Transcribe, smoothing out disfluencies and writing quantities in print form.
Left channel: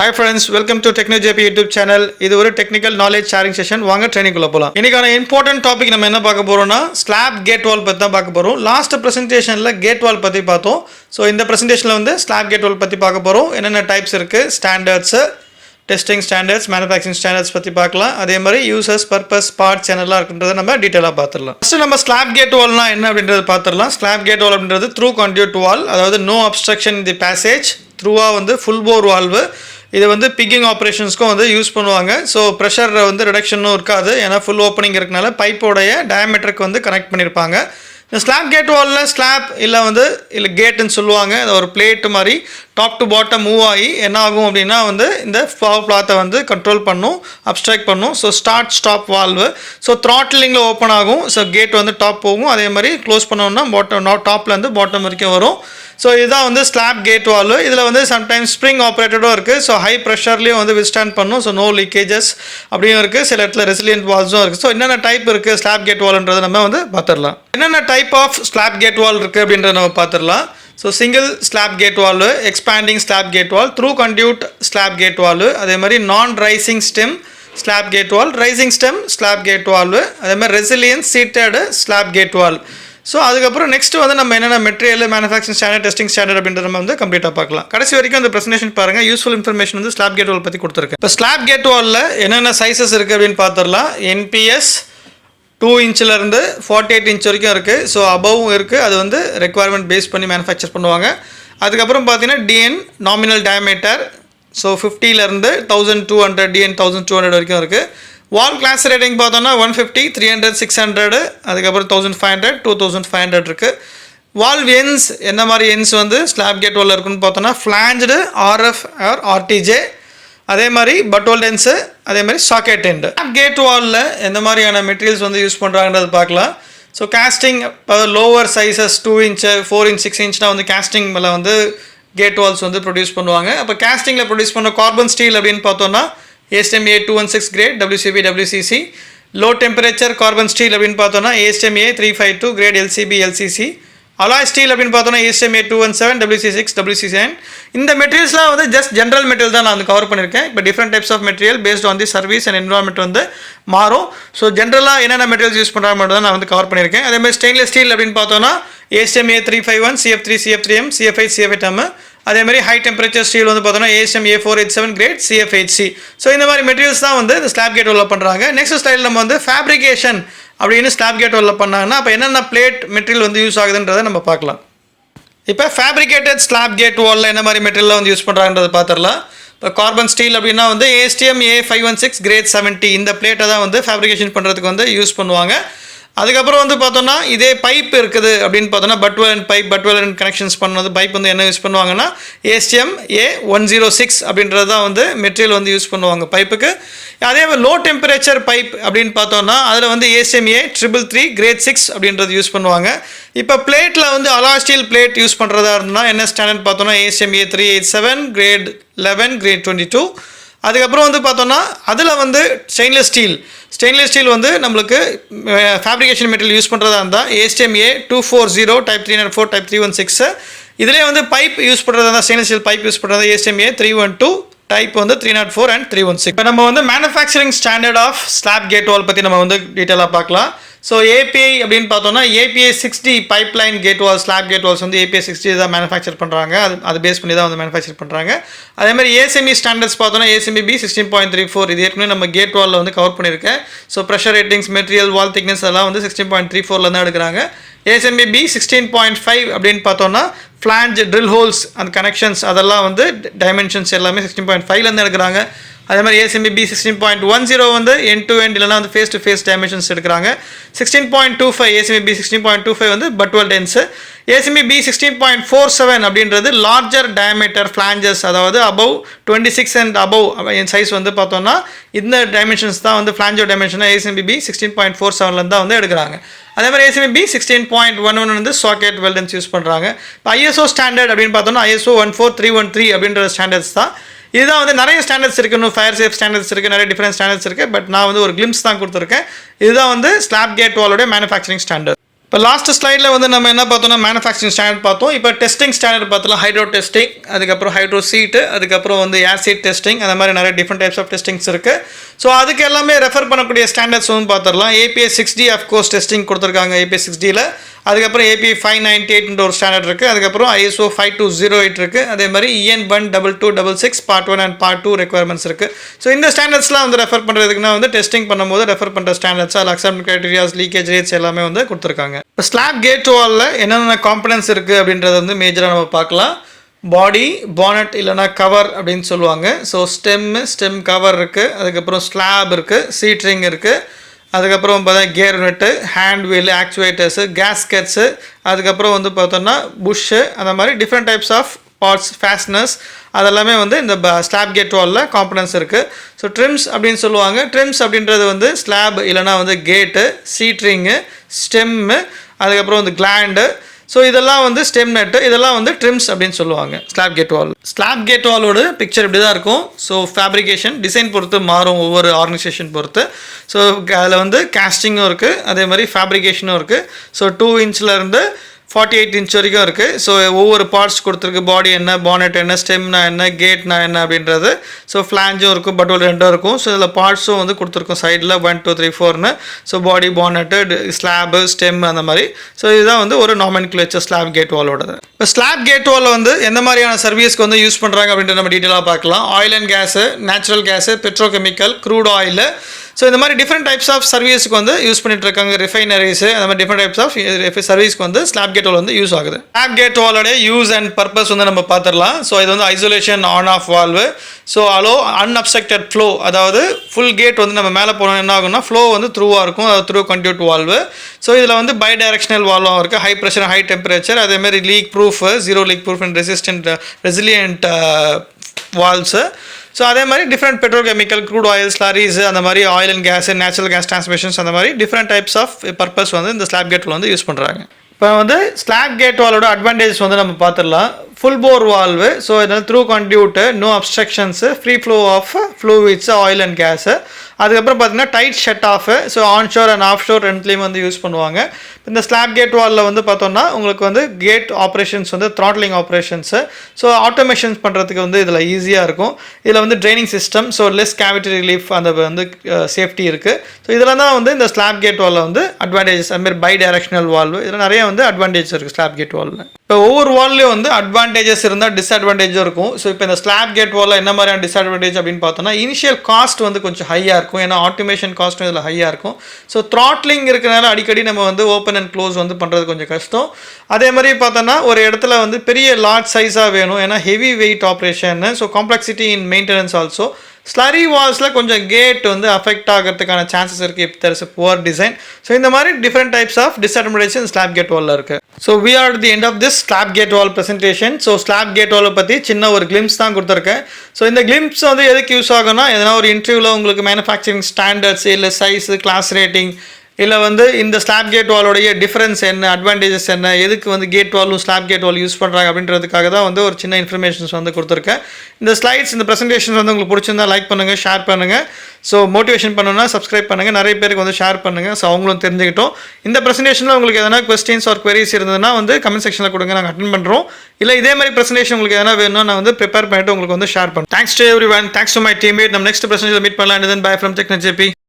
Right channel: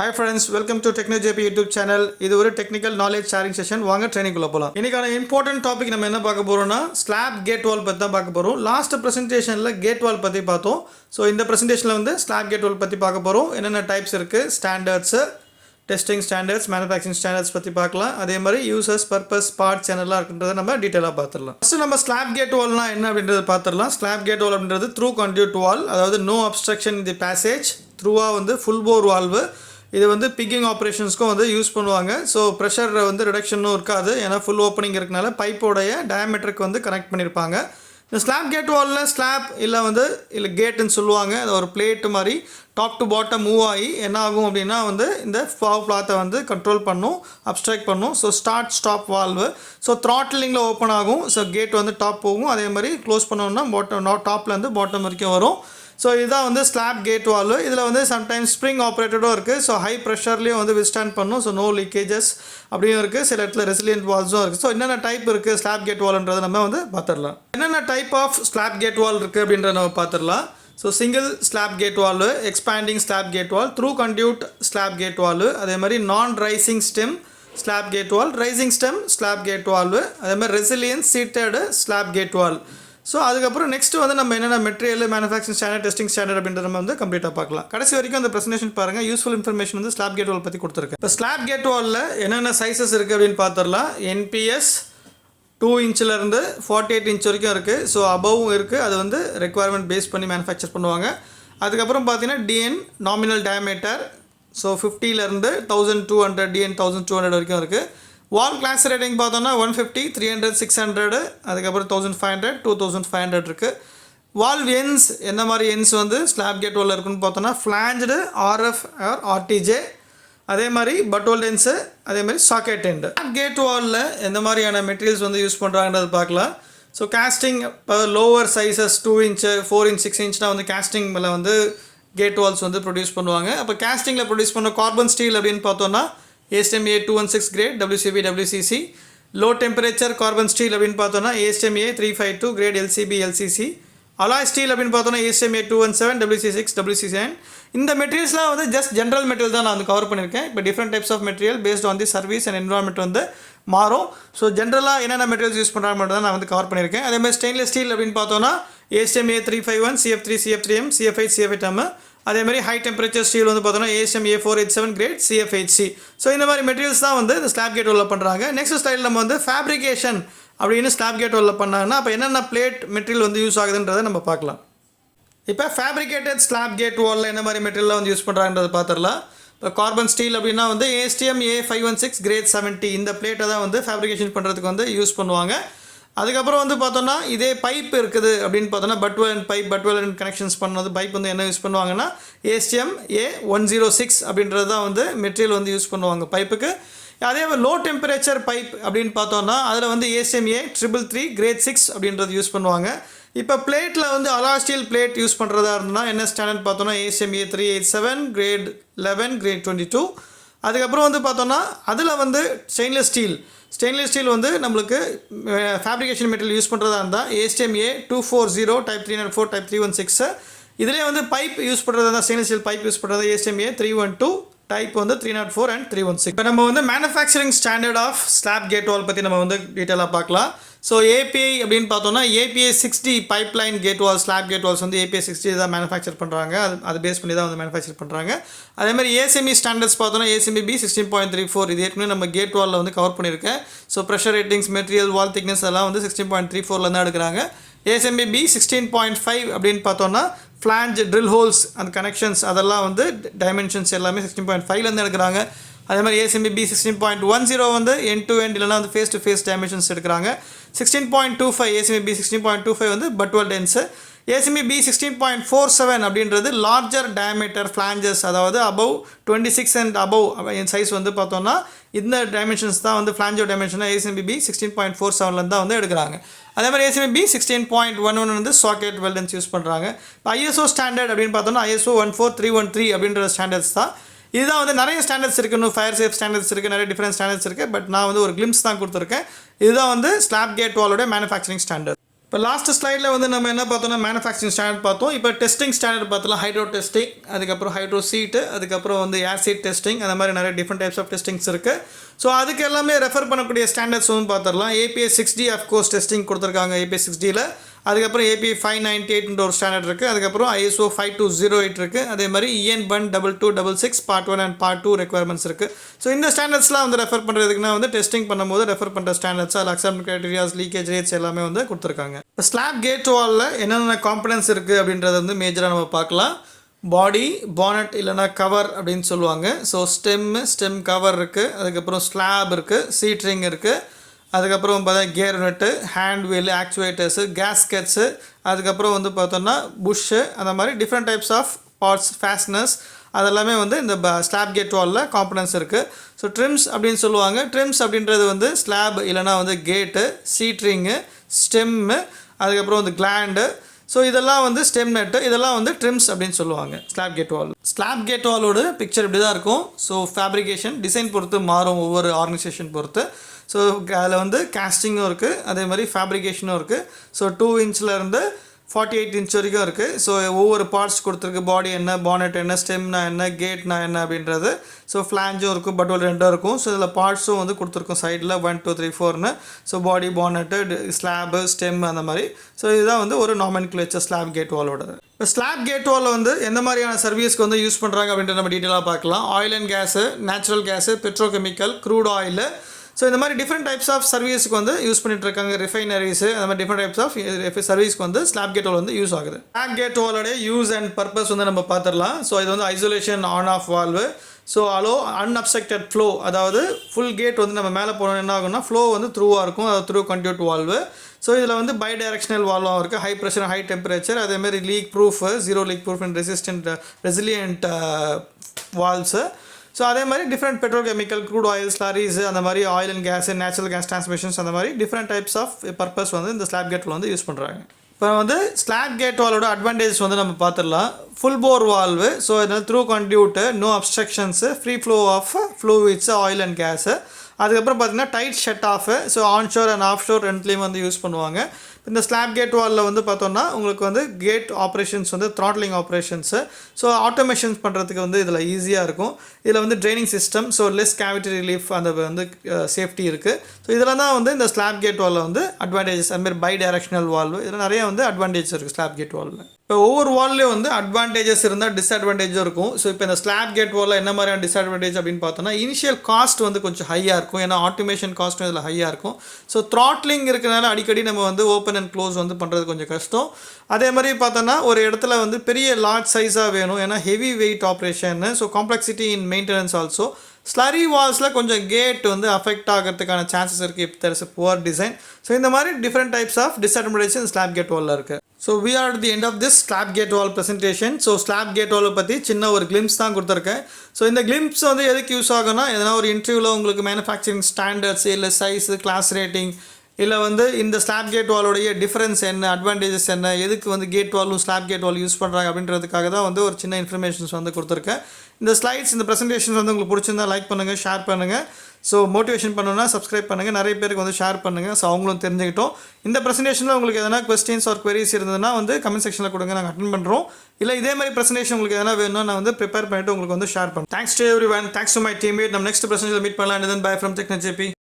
Hi friends, welcome to TechKnowjp YouTube channel. இது ஒரு technical knowledge sharing session. வாங்க training குள்ள போலாம். இன்னைக்கான இம்பார்ட்டன்ட் டாபிக் நம்ம என்ன பார்க்க போறோம்னா ஸ்லாப் கேட் வால் பத்தி தான் பார்க்க போறோம். லாஸ்ட் பிரசன்டேஷன்ல கேட் வால் பத்தி பார்த்தோம். சோ இந்த பிரசன்டேஷன்ல வந்து ஸ்லாப் கேட் வால் பத்தி பார்க்க போறோம். என்னென்ன டைப்ஸ் இருக்கு, standards, testing standards, manufacturing standards பத்தி பார்க்கலாம். அதே மாதிரி யூசர்ஸ் பர்பஸ் பார்ட்ஸ் என்னெல்லாம் இருக்குன்றதை நம்ம டீடைலா பார்த்துடலாம். ஃபர்ஸ்ட் நம்ம ஸ்லாப் கேட் வால்னா என்ன அப்படின்றத பார்த்துடலாம். ஸ்லாப் கேட் வால் அப்படின்றது Through-Conduit வால், அதாவது no obstruction in the passage, த்ரூவா வந்து ஃபுல் போர் வால்வு. இது வந்து பிக்கிங் ஆப்ரேஷன்ஸ்க்கும் வந்து யூஸ் பண்ணுவாங்க. ஸோ ப்ரெஷர் வந்து ரிடக்ஷனும் இருக்காது, ஏன்னா ஃபுல் ஓப்பனிங் இருக்கனால பைப்போடைய டயமீட்டருக்கு வந்து கனெக்ட் பண்ணியிருப்பாங்க. இந்த ஸ்லாப் கேட் வாலில் ஸ்லாப் இல்லை கேட்டுன்னு சொல்லுவாங்க. அது ஒரு பிளேட் மாதிரி டாப் டு பாட்டம் மூவ் ஆகி என்ன ஆகும் அப்படின்னா வந்து இந்த ஃப்ளவர் கிளாத்தை வந்து கண்ட்ரோல் பண்ணும், அப்ஸ்ட்ராக்ட் பண்ணும். So start stop valve. So த்ராட்டிலிங்கில் ஓப்பன் ஆகும். ஸோ கேட் வந்து டாப் போகும். அதே மாதிரி க்ளோஸ் பண்ணோம்னா டாப்லேருந்து பாட்டம் வரைக்கும் வரும். ஸோ இதுதான் வந்து ஸ்லாப் கேட் வால்வு. இதில் வந்து சம்டைம்ஸ் ஸ்ப்ரிங் ஆப்ரேட்டடும் இருக்குது. ஸோ ஹை ப்ரெஷர்லேயும் வந்து விஸ்டாண்ட் பண்ணும். ஸோ நோ லீக்கேஜஸ் அப்படியும் இருக்குது. சில இடத்துல ரெசிலியன்ட் வால்ஸும் இருக்குது. ஸோ என்னென்ன டைப் இருக்குது ஸ்லாப் கேட் வால்ன்றதை நம்ம வந்து பார்த்துடலாம். என்னென்ன type of slab gate valve இருக்குது அப்படின்றத நம்ம பார்த்துடலாம். So single slab gate valve, expanding slab gate valve, Through-Conduit slab gate valve, அதே மாதிரி non rising stem slab gate valve, rising stem slab gate valve, அதே மாதிரி resilient seated slab gate valve. So அதுக்கப்புறம் next வந்து நம்ம என்னென்ன material, manufacturing standard, testing standard அப்படின்றத நம்ம வந்து கம்ப்ளீட்டாக பார்க்கலாம். கடைசி வரைக்கும் அந்த பிரசன்டேஷன் பாருங்கள். யூஸ்ஃபுல் இன்ஃபர்மேஷன் வந்து ஸ்லாப் கேட் வால் பற்றி கொடுத்துருக்கு. இப்போ ஸ்லாப் கேட் வாலில் என்னென்ன சைஸஸ் இருக்குது அப்படின்னு பார்த்துடலாம். என்பிஎஸ் 2 இன்ச்சிலேருந்து 48 இன்ச் வரைக்கும் இருக்குது. ஸோ அபவும் இருக்குது. அது வந்து ரெக்குவயர்மெண்ட் பேஸ் பண்ணி மேனுஃபேக்சர் பண்ணுவாங்க. அதுக்கப்புறம் பார்த்தீங்கன்னா டிஎன் நாமினல் டயமீட்டர். ஸோ 50லேருந்து 1200 டிஎன் 1200 வரைக்கும் இருக்குது. வால் கிளாஸ் ரேட்டிங் பார்த்தோன்னா 150, 300, 600, அதுக்கப்புறம் 1500, 2500 இருக்குது. வால் என்ஸ் எந்த மாதிரி என்ஸ் வந்து ஸ்லாப் கேட் வாலில் இருக்குன்னு பார்த்தோன்னா ஃப்ளாஞ்சடு, ஆர்எஃப் ஆர் ஆர்டிஜே, அதே மாதிரி பட்டோல்ட் என்ஸு, அதே மாதிரி சாக்கெட் எண்டு. ஸ்லாப் கேட் வாலில் எந்த மாதிரியான மெட்டீரியல்ஸ் வந்து யூஸ் பண்ணுறாங்கன்றது பார்க்கலாம். So casting lower sizes 2 inch, 4 inch, 6 இன்ச்னால் வந்து காஸ்டிங் மேலே வந்து கேட் வால்ஸ் வந்து ப்ரொடியூஸ் பண்ணுவாங்க. அப்போ காஸ்டிங்கில் ப்ரொடியூஸ் பண்ண கார்பன் ஸ்டீல் அப்படின்னு பார்த்தோன்னா ASTM 216 grade WCB WCC. Low temperature carbon steel அப்படின்னு பார்த்தோன்னா ASTM 352 grade LCB LCC. Alloy steel அப்படின்னு பார்த்தோன்னா ASTM 217 WC6 WC7. இந்த மெட்டீரியல்ஸ்லாம் வந்து ஜஸ்ட் ஜென்ரல் மெட்டீரியல் தான் நான் வந்து கவர் பண்ணியிருக்கேன். இப்போ different types of material based on the service and environment வந்து மாறும். ஸோ ஜென்ரலாக என்னென்ன மெட்டீரியல்ஸ் யூஸ் பண்ணுறாங்க மட்டும் தான் நான் வந்து கவர் பண்ணியிருக்கேன். அதே மாதிரி ஸ்டெயின்லெஸ் ஸ்டீல் அப்படின்னு பார்த்தோன்னா ASTM 351 CF3 CF3M CF8 CF8M. அதே மாதிரி ஹை டெம்பரேச்சர் ஸ்டீல் வந்து பார்த்தோன்னா ASTM 487 கிரேட் CF8C. ஸோ இந்த மாதிரி மெட்டீரியல்ஸ் தான் வந்து இந்த ஸ்லாப் கேட் வாலில் பண்ணுறாங்க. நெக்ஸ்ட் ஸ்டைல் நம்ம வந்து ஃபேப்ரிகேஷன் அப்படின்னு ஸ்லாப் கேட் வாலில் பண்ணாங்கன்னா அப்போ என்னென்ன பிளேட் மெட்டீரியல் வந்து யூஸ் ஆகுதுன்றதை நம்ம பார்க்கலாம். இப்போ ஃபேப்ரிகேட்டட் ஸ்லாப் கேட் வாலில் என்ன மாதிரி மெட்டீரியல் வந்து யூஸ் பண்ணுறாங்கன்றதை பார்த்துடலாம். இப்போ கார்பன் ஸ்டீல் அப்படின்னா வந்து ASTM 516 கிரேட் 70 இந்த பிளேட்டை தான் வந்து ஃபேப்ரிகேஷன் பண்ணுறதுக்கு வந்து யூஸ் பண்ணுவாங்க. அதுக்கப்புறம் வந்து பார்த்தோன்னா இதே பைப் இருக்குது அப்படின்னு பார்த்தோன்னா பட்வெல் அண்ட் கனெக்ஷன்ஸ் பண்ணது பைப் வந்து என்ன யூஸ் பண்ணுவாங்கன்னா ASTM 106 அப்படின்றது தான் வந்து மெட்டீரியல் வந்து யூஸ் பண்ணுவாங்க பைப்புக்கு. அதே மாதிரி லோ டெம்பரேச்சர் பைப் அப்படின்னு பார்த்தோன்னா அதில் வந்து ASTM 333 கிரேட் 6 அப்படின்றது யூஸ் பண்ணுவாங்க. இப்போ பிளேட்டில் வந்து அலாய் ஸ்டீல் பிளேட் யூஸ் பண்ணுறதா இருந்தால் என்ன ஸ்டாண்டர்ட் பார்த்தோன்னா ASTM 387 கிரேட் 11 கிரேட் 22. அதுக்கப்புறம் வந்து பார்த்தோன்னா அதில் வந்து ஸ்டெயின்லெஸ் ஸ்டீல் வந்து நம்மளுக்கு ஃபேப்ரிகேஷன் மெட்டீரியல் யூஸ் பண்ணுறதா இருந்தால் ASTM 240 டைப் 304 டைப் 316. இதிலே வந்து பைப் யூஸ் பண்ணுறதா இருந்தால் ஸ்டெயின்லெஸ் ஸ்டீல் பைப் யூஸ் பண்ணுறது ASTM 312 டைப் வந்து 304 அண்ட் 316. இப்போ நம்ம வந்து manufacturing standard of slab gate valve பற்றி நம்ம வந்து டீட்டெயிலாக பார்க்கலாம். ஸோ API அப்படின்னு பார்த்தோன்னா API 60 பைப்லைன் கேட் வால் ஸ்லாப் கேட் வால்ஸ் வந்து API 60 தான் மேனுஃபேக்சர் பண்ணுறாங்க. அது பேஸ் பண்ணி தான் வந்து மேனுஃபேக்சர் பண்ணுறாங்க. அதே மாதிரி ASME ஸ்டாண்டர்ட்ஸ் பார்த்தோன்னா ASME B 16.34 இது ஏற்கனவே நம்ம கேட் வாலில் வந்து கவர் பண்ணியிருக்கேன். ஸோ ப்ரெஷர் ரேட்டிங்ஸ், மெட்டீரியல், வால் திக்னஸ் எல்லாம் வந்து 16.34 தான் எடுக்கிறாங்க. ASME B 16.5 அப்படின்னு பார்த்தோன்னா flange, drill holes and connections அதெல்லாம் வந்து டைமென்ஷன்ஸ் எல்லாமே 16.5 எடுக்கிறாங்க. அதே மாதிரி ASME B 16.10 வந்து எண்ட் டு எண்ட் இல்லைனா வந்து ஃபேஸ் டு ஃபேஸ் டைமென்ஷன்ஸ் எடுக்கிறாங்க. 16.25 ASME B 16.25 வந்து பட்வெல் டென்ஸு. ASME B 16.47 அப்படின்றது லார்ஜர் டயமீட்டர் ஃப்ளாஞ்சஸ், அதாவது above 26 and above N size வந்து பார்த்தோன்னா இந்த டைமென்ஷன்ஸ் தான் வந்து ஃப்ளாஞ்சோ டைமென்ஷனாக ASME B 16.47 தான் வந்து எடுக்கிறாங்க. அதே மாதிரி ASME B 16.11 வந்து சாக்கெட் வெல்டன்ஸ் யூஸ் பண்ணுறாங்க. இப்போ ISO ஸ்டாண்டர்ட் அப்படின்னு பார்த்தோன்னா ISO 14313 அப்படின்ற ஸ்டாண்டர்ட்ஸ் தான். இதுதான் வந்து நிறைய ஸ்டாண்டர்ட்ஸ் இருக்குது. இன்னும் ஃபயர் சேஃப் ஸ்டாண்டர்ட்ஸ் இருக்குது, நிறைய டிஃப்ரெண்ட் ஸ்டாண்டர்ட்ஸ் இருக்குது. பட் நான் வந்து ஒரு கிளிம்ஸ் தான் கொடுத்துருக்கேன். இதுதான் வந்து ஸ்லாப் கேட் வாலோட மேனுஃபேக்சரிங் ஸ்டாண்டர்ட். இப்போ லாஸ்ட் ஸ்லைடில் வந்து நம்ம என்ன பார்த்தோம்னா மேனுஃபேக்சரிங் ஸ்டாண்டர்ட் பார்த்தோம். இப்போ டெஸ்டிங் ஸ்டாண்டர்ட் பார்த்தலாம். ஹைட்ரோ டெஸ்டிங், அதுக்கப்புறம் ஹைட்ரோ சீட்டு, அதுக்கப்புறம் வந்து ஏர் சீட் டெஸ்டிங், அந்த மாதிரி நிறைய டிஃப்ரெண்ட் டைப்ஸ் ஆஃப் டெஸ்டிங்ஸ் இருக்குது. ஸோ அதுக்கு எல்லாமே ரெஃபர் பண்ணக்கூடிய ஸ்டாண்டர்ட்ஸ் வந்து பார்த்துடலாம். API 6D அஃப்கோர்ஸ் டெஸ்டிங் கொடுத்துருக்காங்க API 6Dயில். அதுக்கப்புறம் API 598 ஒரு ஸ்டாண்டர்ட் இருக்குது. அதுக்கப்புறம் ISO 5208 இருக்குது. அதே மாதிரி EN 12266 Part 1 and Part 2 requirements இருக்குது. ஸோ இந்த ஸ்டாண்டர்ட்ஸ்லாம் வந்து ரெஃபர் பண்ணுறதுக்குன்னா வந்து டெஸ்டிங் பண்ணும்போது ரெஃபர் பண்ணுற ஸ்டாண்டர்ட்ஸ், அதில் அக்செப்ட் கிரைட்டீரியாஸ், லீக்கேஜ் ரேட்ஸ் எல்லாமே வந்து கொடுத்துருக்காங்க. இப்போ ஸ்லாப் கேட் வாலில் என்னென்ன காம்பனன்ட்ஸ் இருக்குது அப்படின்றத வந்து மேஜராக நம்ம பார்க்கலாம். பாடி, பானட் இல்லைனா கவர் அப்படின்னு சொல்லுவாங்க. ஸோ ஸ்டெம் கவர் இருக்குது. அதுக்கப்புறம் ஸ்லாப் இருக்குது, சீட்ரிங் இருக்குது. அதுக்கப்புறம் பார்த்தா கியர் யூனிட்டு, ஹேண்ட் வீல், ஆக்சுவேட்டர்ஸு, கேஸ்கெட்ஸு, அதுக்கப்புறம் வந்து பார்த்தோன்னா புஷ்ஷு, அந்த மாதிரி டிஃப்ரெண்ட் டைப்ஸ் ஆஃப் பார்ட்ஸ், ஃபேஸ்னர்ஸ், அதெல்லாமே வந்து இந்த ஸ்லாப் கேட் வாலில் காம்பனன்ட்ஸ் இருக்குது. ஸோ ட்ரிம்ஸ் அப்படின்னு சொல்லுவாங்க. ட்ரிம்ஸ் அப்படின்றது வந்து ஸ்லாப் இல்லைனா வந்து கேட்டு, சீட்ரிங்கு, ஸ்டெம்மு, அதுக்கப்புறம் வந்து கிளாண்டு. ஸோ இதெல்லாம் வந்து ஸ்டெம் நெட்டு, இதெல்லாம் வந்து ட்ரிம்ஸ் அப்படின்னு சொல்லுவாங்க ஸ்லாப் கேட் வால். ஸ்லாப் கேட் வாலோட பிக்சர் இப்படி தான் இருக்கும். ஸோ ஃபேப்ரிகேஷன் டிசைன் பொறுத்து மாறும், ஒவ்வொரு ஆர்கனைசேஷன் பொறுத்து. ஸோ அதில் வந்து கேஸ்டிங்கும் இருக்குது, அதே மாதிரி ஃபேப்ரிகேஷனும் இருக்குது. ஸோ 2 இன்ச்லேருந்து 48 இன்ச் வரைக்கும் இருக்குது. ஸோ ஒவ்வொரு பார்ட்ஸ் கொடுத்துருக்கு. பாடி என்ன, பானட் என்ன, ஸ்டெம்னா என்ன, கேட்னா என்ன அப்படின்றது. ஸோ ஃப்ளாஞ்சும் இருக்கும், பட்டோல் ரெண்டும் இருக்கும். ஸோ இதில் பார்ட்ஸும் வந்து கொடுத்துருக்கோம் சைடில் 1 2 3 4ன்னு. So body, bonnet, slab, stem, அந்த மாதிரி. ஸோ இதுதான் வந்து ஒரு நாமென்க்ளேச்சர் ஸ்லாப் கேட் வாலோடது. இப்போ ஸ்லாப் கேட் வாலில் வந்து எந்த மாதிரியான சர்வீஸ்க்கு வந்து யூஸ் பண்ணுறாங்க அப்படின்ட்டு நம்ம டீட்டெயிலாக பார்க்கலாம். Oil and gas, natural gas, petrochemical, crude oil. So இந்த மாதிரி டிஃப்ரெண்ட் டைப்ஸ் ஆஃப் சர்வீஸ்க்கு வந்து யூஸ் பண்ணிட்டு இருக்காங்க. ரிஃபைனரிஸு, அந்த மாதிரி டிஃப்ரெண்ட் டைப்ஸ் ஆஃப் சர்வீஸ்க்கு வந்து ஸ்லாப் கேட் வால் வந்து யூஸ் ஆகுது. ஸ்லாப் கேட் வாலோட யூஸ் அண்ட் பர்பஸ் வந்து நம்ம பார்த்துடலாம். ஸோ இது வந்து isolation on off valve. So allow unobstructed flow, அதாவது ஃபுல் கேட் வந்து நம்ம மேலே போனோம் என்ன ஆகும்னா ஃப்ளோ வந்து த்ரூவாக இருக்கும், அதாவது Through-Conduit வால்வு. ஸோ இதில் வந்து பை டைரக்ஷனல் வால்வும் இருக்குது, ஹை ப்ரெஷர், ஹை டெம்பரேச்சர், அதேமாதிரி leak proof, zero leak proof and resilient valves. So அதே மாதிரி different petrochemical, crude oil, slurries, அந்த மாதிரி oil and gas, natural gas transmissions, அந்த மாதிரி டிஃப்ரெண்ட் டைப்ஸ் ஆஃப் பர்பஸ் வந்து இந்த ஸ்லாப் கேட் வால் வந்து யூஸ் பண்ணுறாங்க. இப்போ வந்து ஸ்லாப் கேட் வாலோட அட்வான்டேஜஸ் வந்து நம்ம பார்த்துடலாம். ஃபுல் போர் வால்வு. ஸோ இதனால் Through-Conduit, no obstructions, free flow of fluids, oil and gas. அதுக்கப்புறம் பார்த்தீங்கன்னா tight shut off. So onshore and off shore ரெண்டுலேயும் வந்து யூஸ் பண்ணுவாங்க. இந்த ஸ்லாப் கேட் வாலில் வந்து பார்த்தோம்னா உங்களுக்கு வந்து கேட் ஆப்ரேஷன்ஸ் வந்து த்ராட்லிங் ஆப்ரேஷன்ஸு. ஸோ ஆட்டோமேஷன்ஸ் பண்ணுறதுக்கு வந்து இதில் ஈஸியாக இருக்கும். இதில் வந்து training system, so less cavity relief, அந்த வந்து சேஃப்டி இருக்குது. ஸோ இதெல்லாம் தான் வந்து இந்த ஸ்லாப் கேட் வாலில் வந்து அட்வான்டேஜஸ். அதுமாதிரி பை டைரக்ஷனல் வால்வு, இதில் நிறைய வந்து அட்வான்டேஜஸ் இருக்குது ஸ்லாப் கேட் வாலில். இப்போ ஒவ்வொரு வால்லையும் வந்து அட்வான்டேஜஸ் இருந்தால் டிஸ்அட்வான்டேஜும் இருக்கும். ஸோ இப்போ இந்த ஸ்லாப் கேட் வாலில் என்ன மாதிரியான டிஸ்அட்வான்டேஜ் அப்படின்னு பார்த்தோம்னா, இனிஷியல் காஸ்ட் வந்து கொஞ்சம் ஹையாக இருக்கும். ஏன்னா ஆட்டோமேஷன் காஸ்ட்டும் இதில் ஹையாக இருக்கும். ஸோ த்ராட்லிங் இருக்கிறனால அடிக்கடி நம்ம வந்து ஓப்பன் அண்ட் க்ளோஸ் வந்து பண்ணுறது கொஞ்சம் கஷ்டம். அதே மாதிரி பார்த்தோன்னா ஒரு இடத்துல வந்து பெரிய லார்ஜ் சைஸாக வேணும், ஏன்னா heavy weight operation. So complexity in maintenance also. Slurry வால்ஸில் கொஞ்சம் கேட் வந்து அஃபெக்ட் ஆகிறதுக்கான சான்சஸ் இருக்குது if there is a poor design. So இந்த மாதிரி different types of disadvantages slab gate வாலில் இருக்குது. So we are the end of this slab gate valve presentation. So slab gate வாலை பற்றி சின்ன ஒரு கிளிம்ஸ் தான் கொடுத்துருக்கேன். ஸோ இந்த கிளிம்ஸ் வந்து எதுக்கு யூஸ் ஆகும்னா, எதனா ஒரு இன்டர்வியூவில் உங்களுக்கு மேனுஃபேக்சரிங் ஸ்டாண்டர்ட்ஸ், இல்லை சைஸு, கிளாஸ் ரேட்டிங், இல்லை வந்து இந்த ஸ்லாப் கேட் வாலோடைய டிஃப்ரென்ஸ் என்ன, அட்வான்டேஜஸ் என்ன, எதுக்கு வந்து கேட் வாலும் ஸ்லாப் கேட் வால் யூஸ் பண்ணுறாங்க அப்படின்றதுக்காக தான் வந்து ஒரு சின்ன இன்ஃபர்மேஷன்ஸ் வந்து கொடுத்துருக்கேன். இந்த ஸ்லைட்ஸ், இந்த ப்ரெசன்டேஷன்ஸ் வந்து உங்களுக்கு பிடிச்சிருந்தா லைக் பண்ணுங்கள், ஷேர் பண்ணுங்கள். ஸோ மோட்டிவேஷன் பண்ணணும்னா சப்ஸ்கிரைப் பண்ணுங்கள், நிறைய பேருக்கு வந்து ஷேர் பண்ணுங்கள். ஸோ அவங்களும் தெரிஞ்சுக்கிட்டோம். இந்த ப்ரெசன்டேஷனில் உங்களுக்கு எதனா கொஸ்டின்ஸ் ஆர் queries இருந்ததுன்னா வந்து கமெண்ட் செக்ஷனில் கொடுங்க, நாங்கள் அட்டென்ட் பண்ணுறோம். இல்லை இதே மாதிரி ப்ரெசன்டேஷன் உங்களுக்கு எதனா வேணும்னா நான் வந்து ப்ரிப்பேர் பண்ணிட்டு உங்களுக்கு வந்து ஷேர் பண்ணுறேன். Thanks to every one, thanks to my teammate. நம்ம நெக்ஸ்ட் ப்ரெசன்டேஷனில் மீட் பண்ணலாம். தென் பை ஃப்ரம் TechKnowjp.